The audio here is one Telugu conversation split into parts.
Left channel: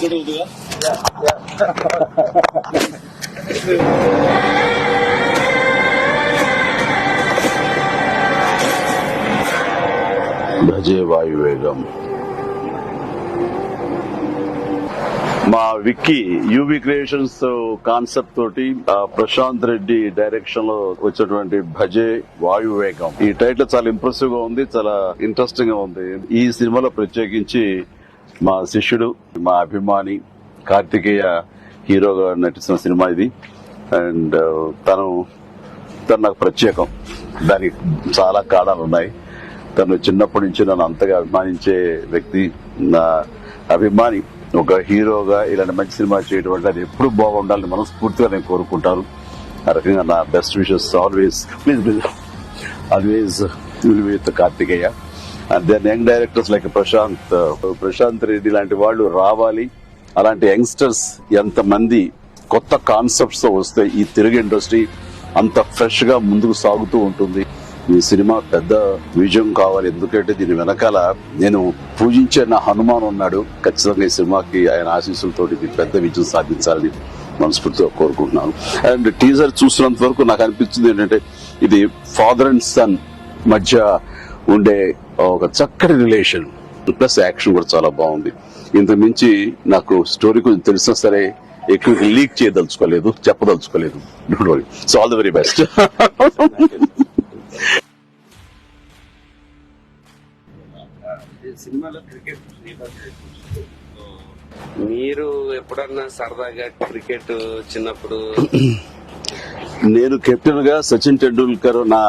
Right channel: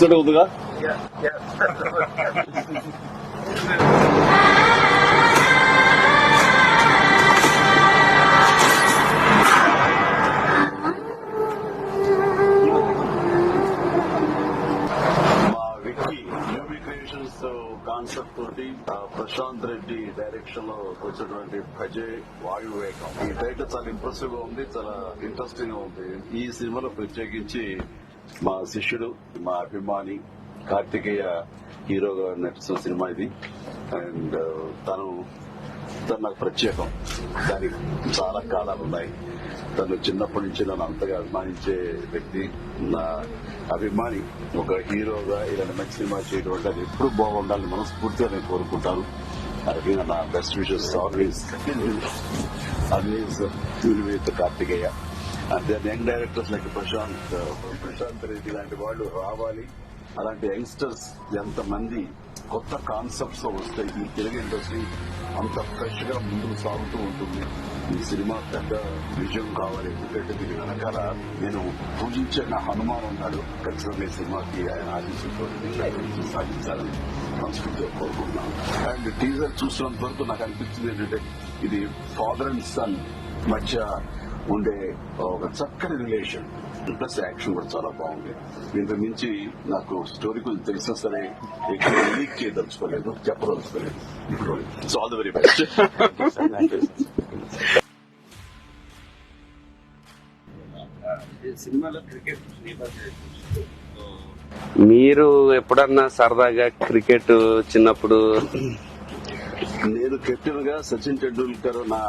తనకు భజే వాయువేగం. మా విక్కీ యూవి క్రియేషన్స్ కాన్సెప్ట్ తోటి ఆ, ప్రశాంత్ రెడ్డి డైరెక్షన్లో వచ్చినటువంటి భజే వాయువేగం. ఈ టైటిల్ చాలా ఇంప్రెసివ్గా ఉంది చాలా ఇంట్రెస్టింగ్గా ఉంది. ఈ సినిమాలో ప్రత్యేకించి మా శిష్యుడు మా అభిమాని కార్తికేయ హీరోగా నటిస్తున్న సినిమా ఇది. అండ్ తను తను నాకు ప్రత్యేకం. దానికి చాలా కారణాలు ఉన్నాయి. తను చిన్నప్పటి నుంచి నన్ను అంతగా అభిమానించే వ్యక్తి నా అభిమాని ఒక హీరోగా ఇలాంటి మంచి సినిమా చేయడం వల్ల అది ఎప్పుడు బాగుండాలని మనస్ఫూర్తిగా నేను కోరుకుంటాను. ఆ రకంగా నా best wishes always. Always with Karthikeya. And then young directors like Prashanth Prashanth Reddy లాంటి వాళ్ళు రావాలి. అలాంటి యంగ్స్టర్స్ ఎంతమంది కొత్త కాన్సెప్ట్స్తో వస్తే ఈ తెలుగు ఇండస్ట్రీ అంత ఫ్రెష్గా ముందుకు సాగుతూ ఉంటుంది. ఈ సినిమా పెద్ద విజయం కావాలి. ఎందుకంటే దీని వెనకాల నేను పూజించే నా హనుమాన్ ఉన్నాడు. ఖచ్చితంగా ఈ సినిమాకి ఆయన ఆశీస్సులతో పెద్ద విజయం సాధించాలని మనస్ఫూర్తిగా కోరుకుంటున్నాను. అండ్ టీజర్ చూసినంత వరకు నాకు అనిపించింది ఏంటంటే ఇది ఫాదర్ అండ్ సన్ మధ్య ఉండే ఒక చక్కటి రిలేషన్ ప్లస్ యాక్షన్ కూడా చాలా బాగుంది. ఇంతకు మించి నాకు స్టోరీ కొంచెం తెలిసినా సరే ఎక్కువ లీక్ చేయదలుచుకోలేదు చెప్పదలుచుకోలేదు. So all the very best సినిమాలో క్రికెట్ మీరు ఎప్పుడన్నా సరదాగా క్రికెట్ చిన్నప్పుడు నేను కెప్టెన్గా సచిన్ టెండూల్కర్ నా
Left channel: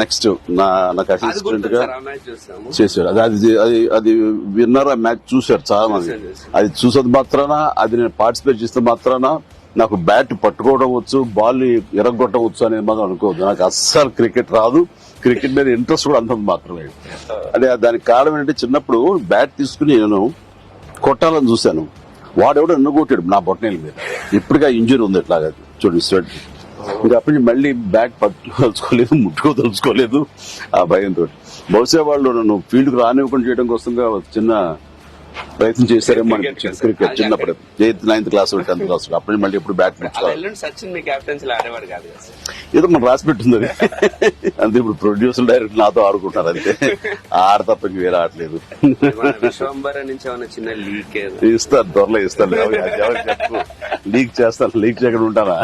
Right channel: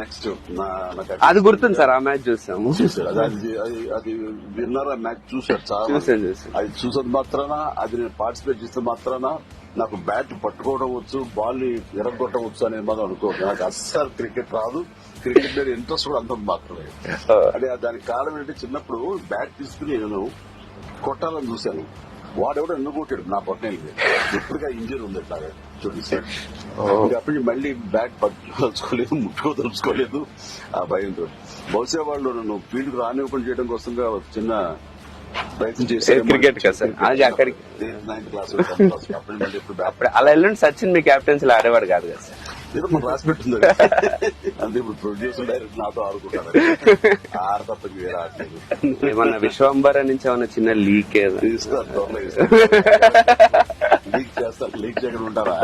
నెక్స్ట్ నా నాకు అది assistant గుర్తుంది గా సార్ ఆ మ్యాచ్ చూసాము. చేశాడు. అది అది అది విన్నర్ ఆ మ్యాచ్ చూశారు చాలా మంది. అది చూసేది మాత్రాన? అది నేను పార్టిసిపేట్ చేస్తే మాత్రాన? నాకు బ్యాట్ పట్టుకోవడం వచ్చు బాల్ ఎరగొట్టడం వచ్చు అనేది మాత్రం అనుకోవద్దు. నాకు అస్సలు క్రికెట్ రాదు. క్రికెట్ మీద ఇంట్రెస్ట్ కూడా అంత మాత్రమే అంటే దానికి కారణం ఏంటంటే చిన్నప్పుడు బ్యాట్ తీసుకుని నేను కొట్టాలని చూశాను. వాడెవడో ఎన్ను కొట్టాడు నా బొట్టనేలు మీద. ఇప్పటిగా ఇంజరీ ఉంది ఇట్లాగా. చూడండి ఇంకా అప్పటి నుంచి మళ్ళీ బ్యాట్ పట్టుకోదలుచుకోలేదు ముట్టుకోదలుచుకోలేదు ఆ భయంతో. బహుశా వాళ్ళు నన్ను ఫీల్డ్కు రానివ్వకుండా చేయడం కోసం చిన్న ప్రయత్నం చేశారు eighth ninth class tenth class అప్పటి మళ్ళీ బ్యాట్ అలా వెళ్ళండి సచిన్ మీ కెప్టెన్సీ ఆడేవాడు కాదు ఏదో మనం రాసి పెట్టింది. అంతే ఇప్పుడు ప్రొడ్యూసర్ డైరెక్ట్ నాతో ఆడుకుంటారు అది ఆడ తప్ప వేరే ఆడలేదు విశ్వంబర నుంచి ఏమైనా చిన్న లీక్ ఇస్తారు త్వరలో ఇస్తారు. లీక్ చేస్తాను లీక్ చేయకుండా ఉంటానా?